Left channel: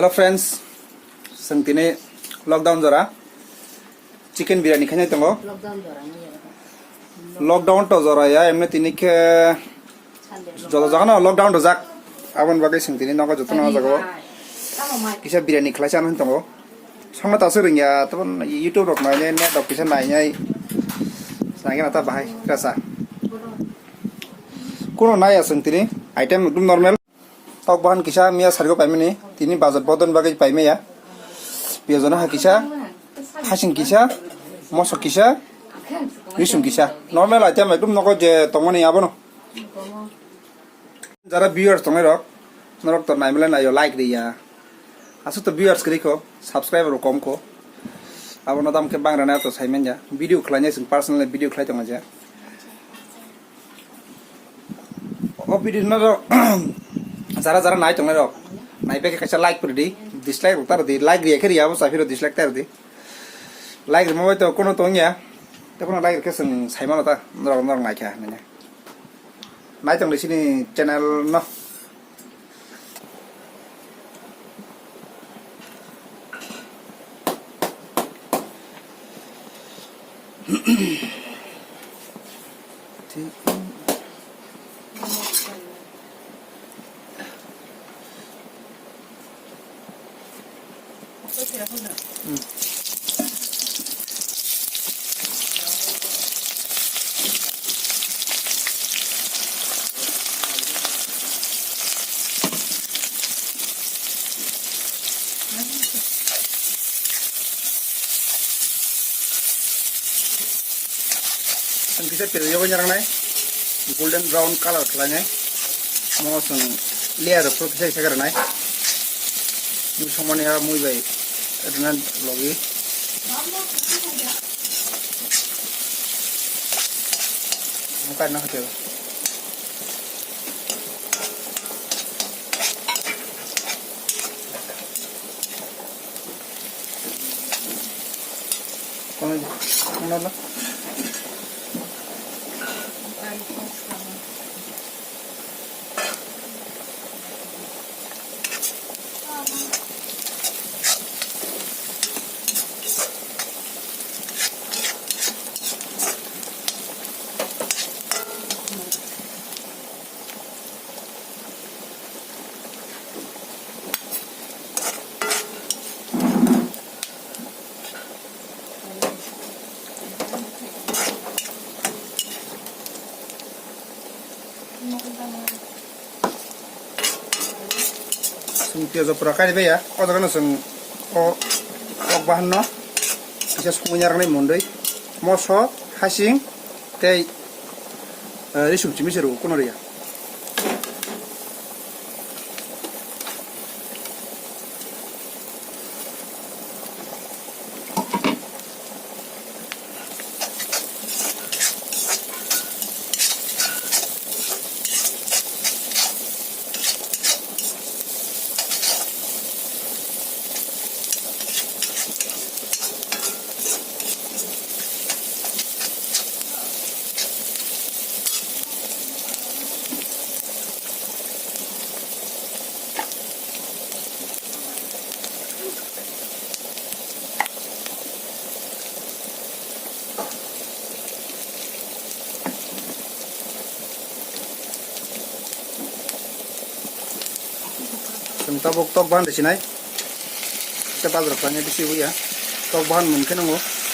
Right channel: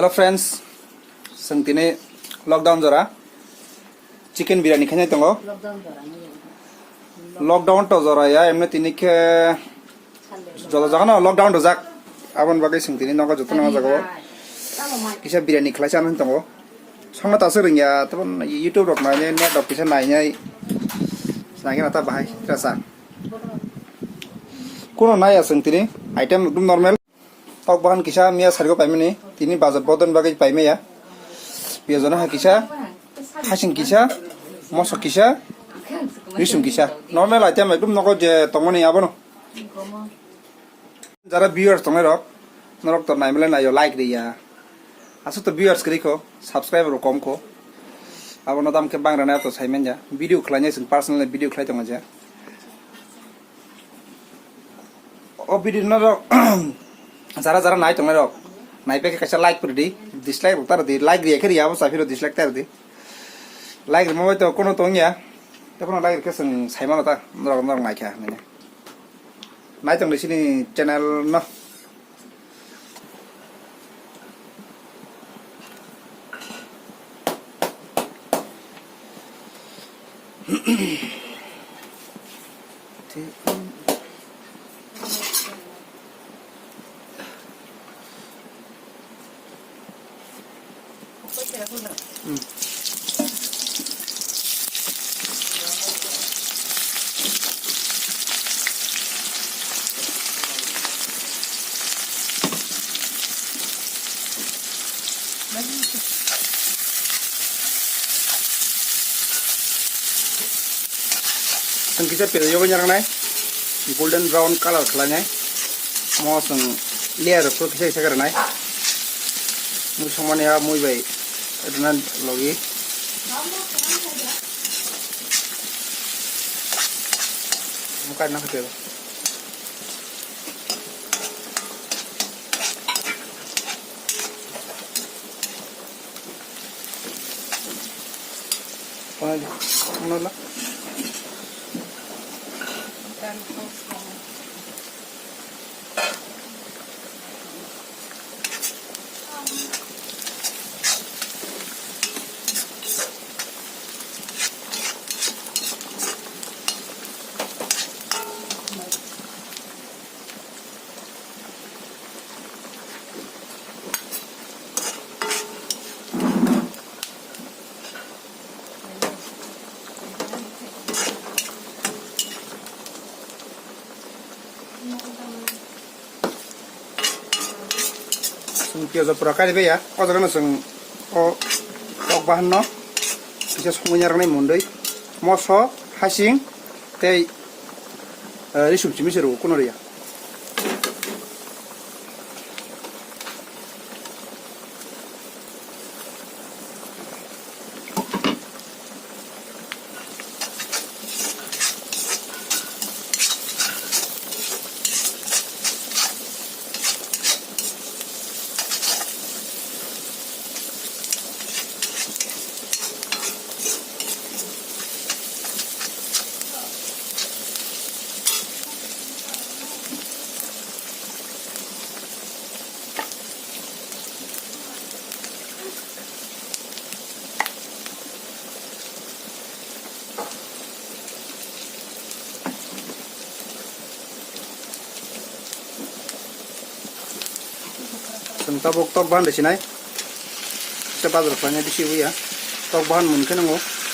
Hello friends, sang tini lockdown jora chicken biryani khanya tongo lockdown to jora ya emne tini ke jodo jaga na lockdown to jak abon bagai sang tini nogo joto nogo jago kisa biryani khlai chan tongo sanga ta sering ya tabon youtube rok na ne dok kisa nai nyai sangi na ta bahai rasa kono nai asang tini item ekdum normal tok bahan kisa mia sargo paimeni tini bazar bodon bagai paime ya biazona ha kisa hasing kisa moso kisa risum kisa normal item ekdum nogo je tongmani abono jara viewers tongai rok norok to naimle na yo like dia asu to viewers kri ko subscriber kom ko abono dam ke bangra na to saimen ja video khlanya sing personal video khlai tonga ja o video na jara jara nai tongai rok nai pe kaisa like pur di dislike utar di like ri ekri abo safiro dislike tar di like ri mo to kono tongya te kono like ke sing saimano ta norok norok nai kha ne nai tong sini channel no kita pilih juga nyerang naik golden brown color kelanya mau seng layer itu bisa segar naik ini semuanya ya muy baik dengan lagi bukan nak kira mana lah piazo por acá ve ya otra que no son o bahan no bisa semuanya rene mundai moso hasing te risum cimi seru kono ya tok bahan di sini, kita berapa di sini ya, tok bahan mungkin mau, oke.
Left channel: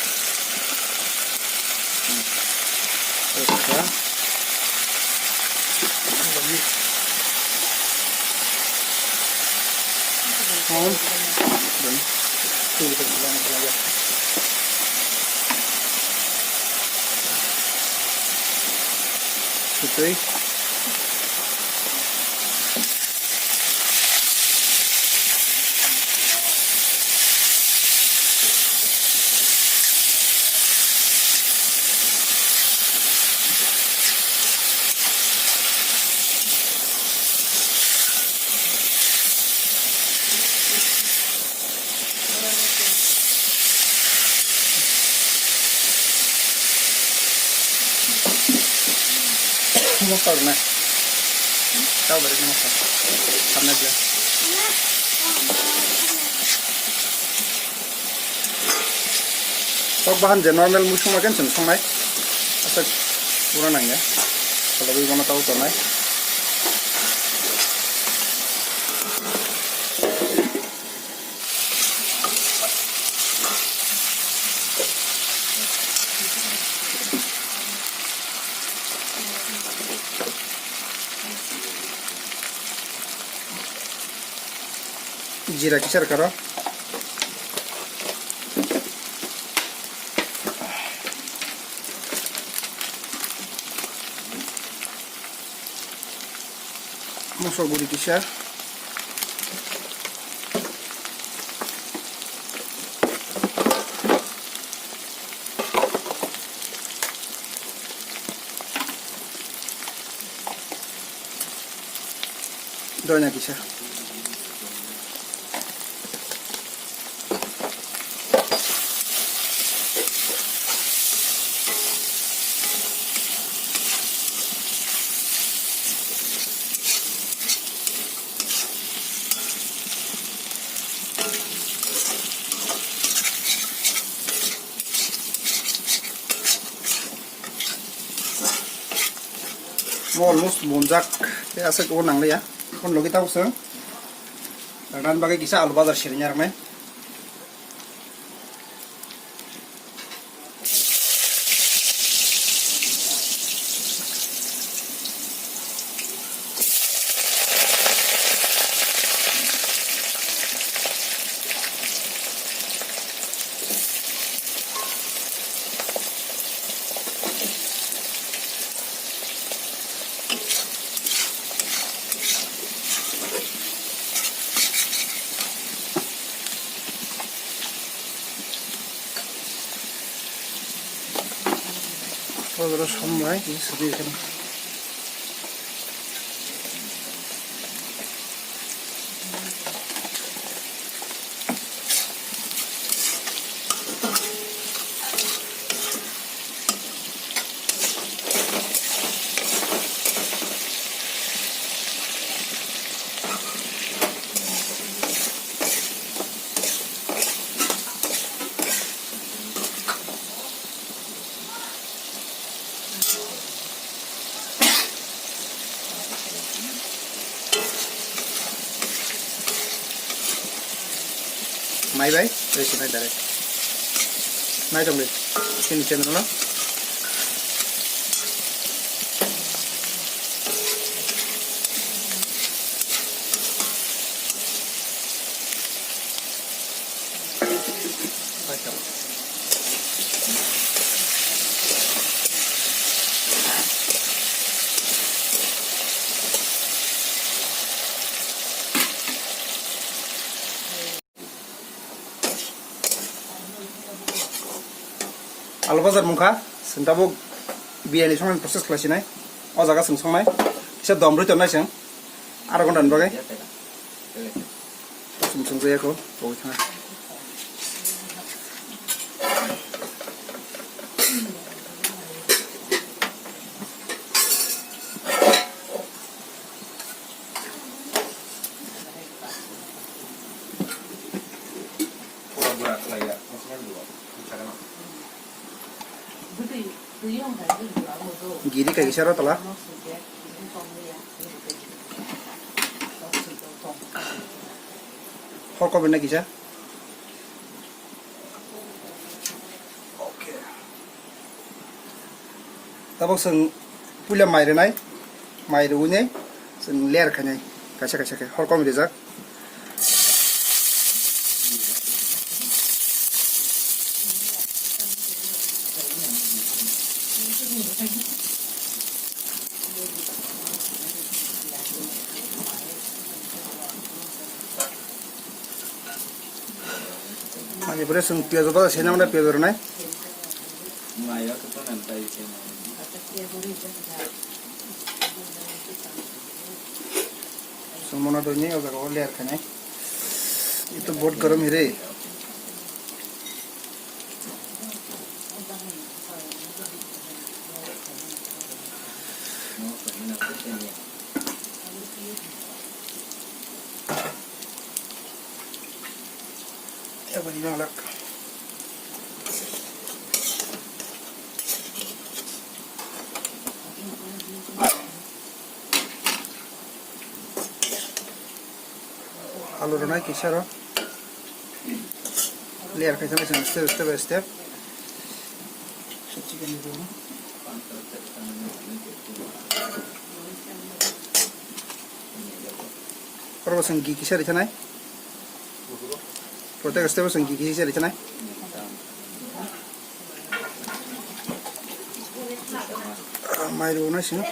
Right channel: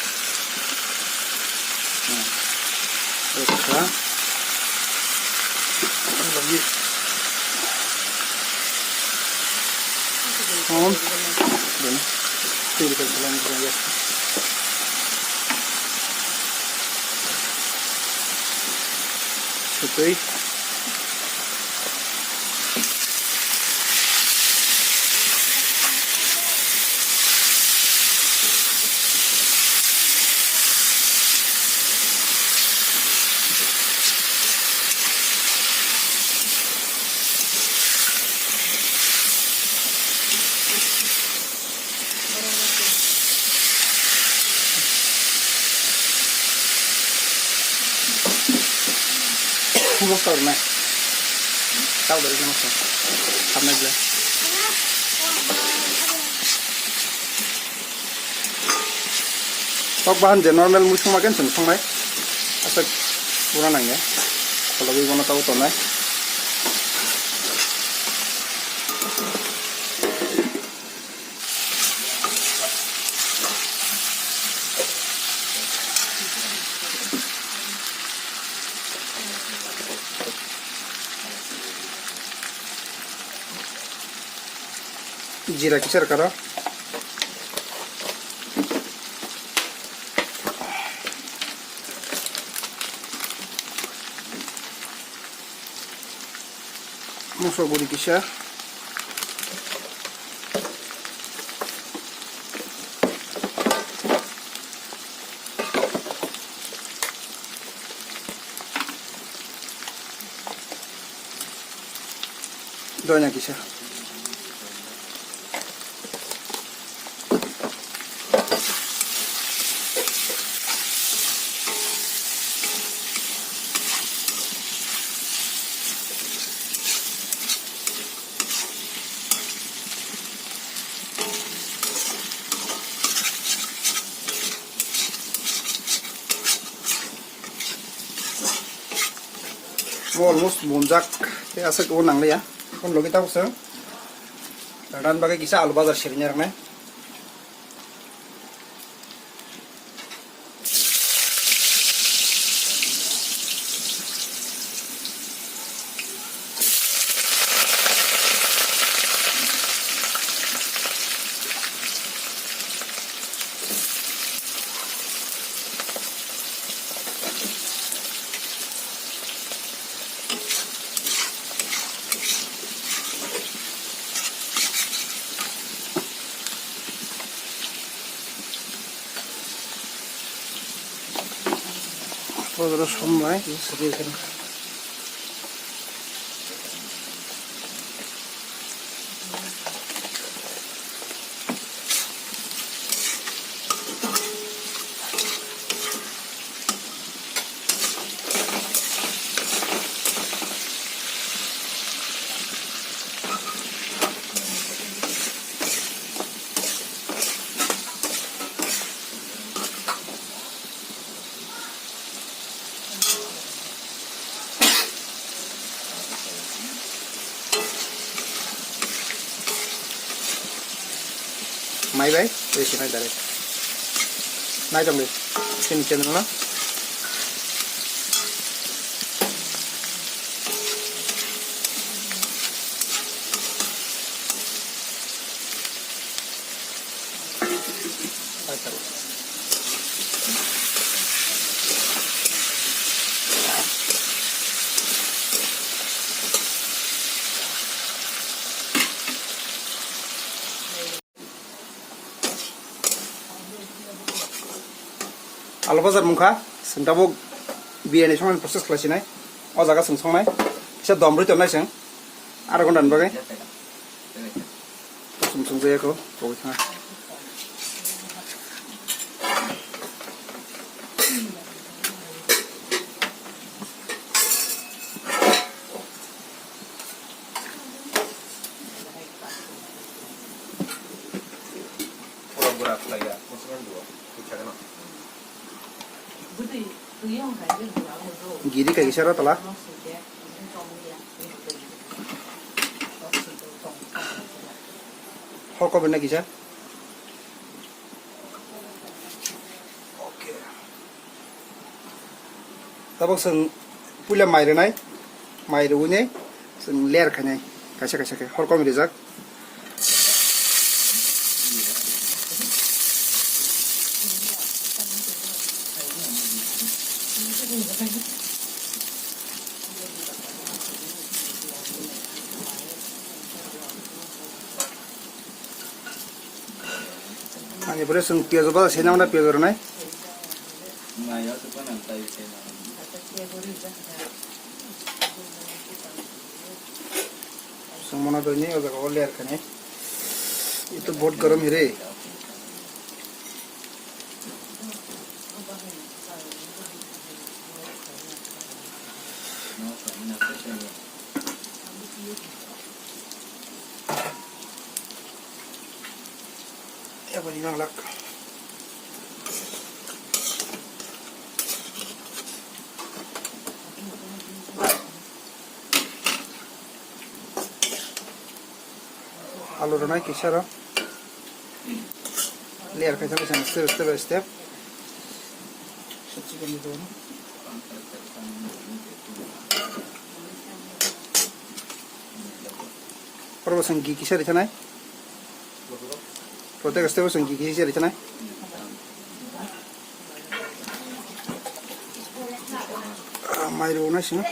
Vamos tornar. Tahu dari mana? Karena dia. tok bahan je normal musung makin tun sungai asal kurang nangnya kalau di mana tahu tonai जीरा kisser करो masukan budi kisar doanya kisar almost bunjak ase ko nang le ya kon logi ta usang dan bagai kisah alu bazar shirinya ramai terus semua ini sedikit mai bay resi mai dare mai dong deh sini channel na alu bazar mungkha sengkabo biani songan proses klasinai o jaga songsongnai se domrui tonai seng ara gondan bagai songsong jaya ko bawithang giri kayak gisara telah hoko benar gisar oke tabok seng pula mairenai mairune seng ler kanai kaisa kaisa ke hoko mirizak Ini boleh sung piaz apa sih namanya piaz orang ini? Sung mana doanya agak kau lihat kan ya? Itu बहुत गरम है रे. Ya begini lah. आलू रनाय किसारो layer खायसा खायसा step by step chicken ni dono Pero sang gigi siya rin sanay. Protect step sang gigi siya rin sanay. Mayroon na siya.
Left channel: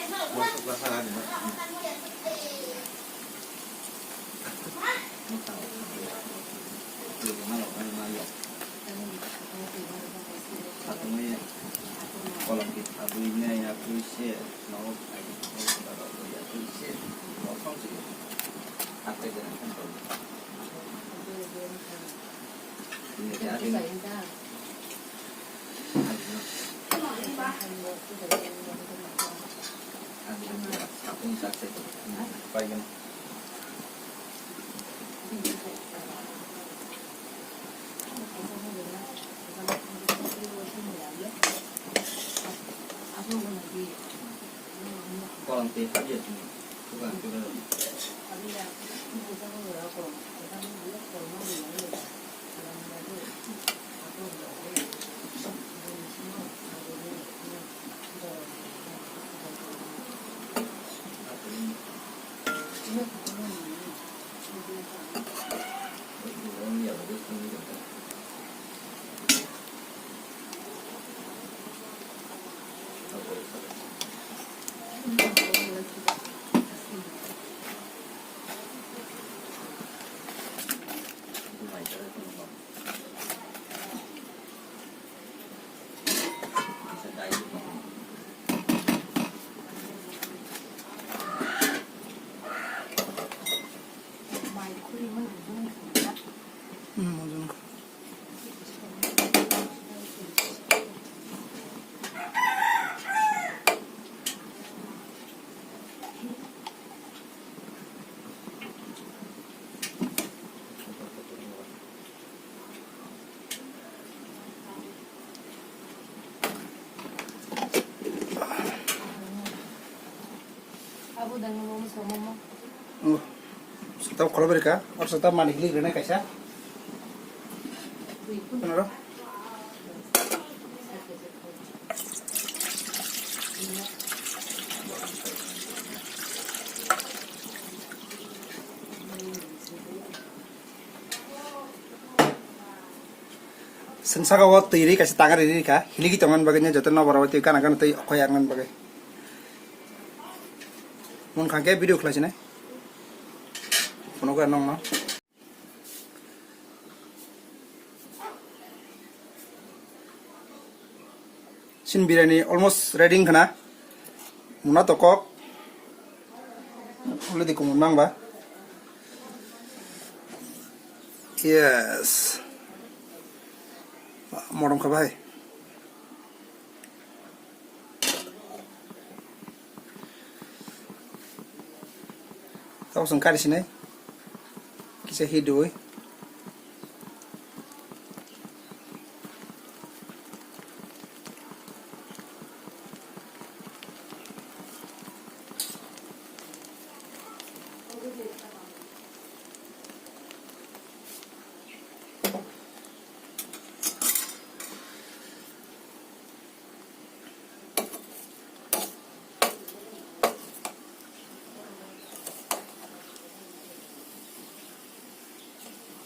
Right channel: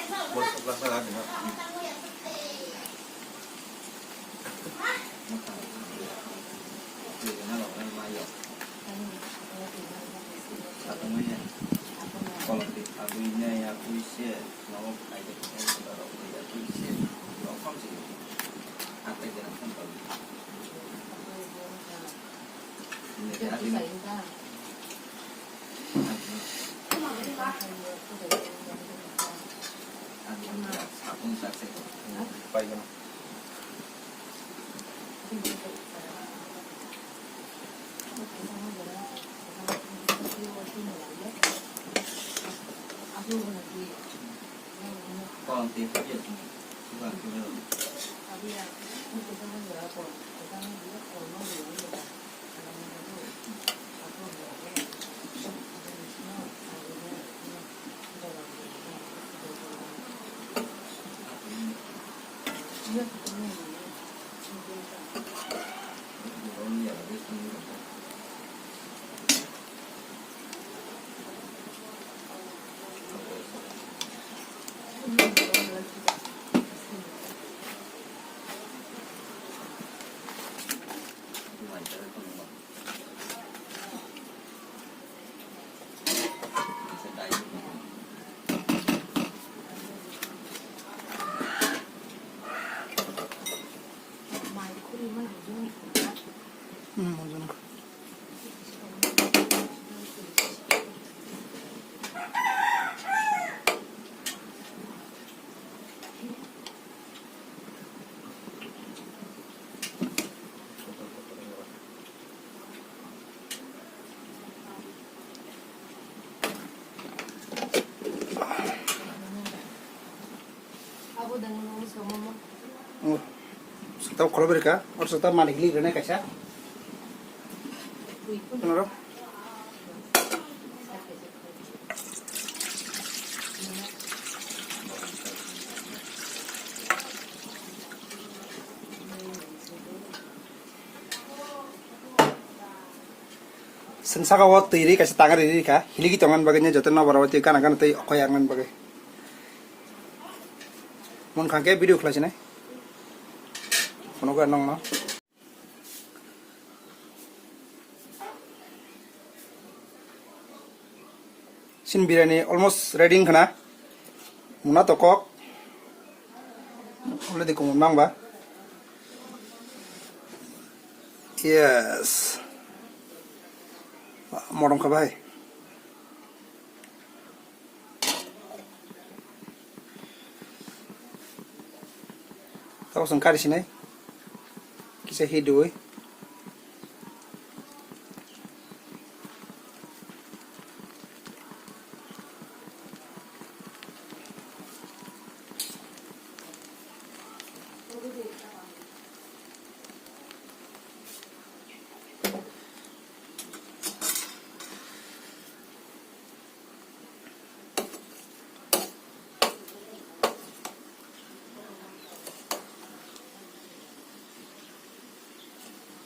Tahu kalau mereka harus tetap manik li rene kaisa. Kenapa? Sensaka waktu ini kasih tangan ini kah? Hiligi tangan bagainya jatuh na barawati kan akan tadi koyangan bagai. Mun kagak video kelas ini. Kono ka nong na. Sin biryani almost ready kana. Muna tokok. Boleh dikumang ba? Yes. Morong ka ba? Tahu sengkar di sini. Kisah hidup.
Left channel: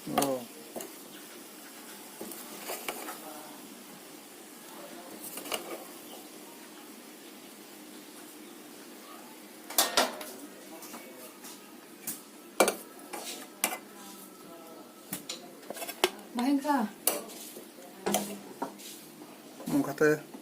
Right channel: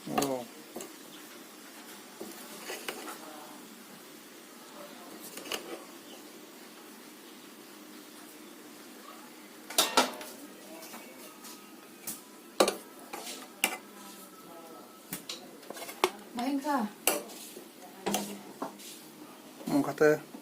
Oh. Main kah? Kata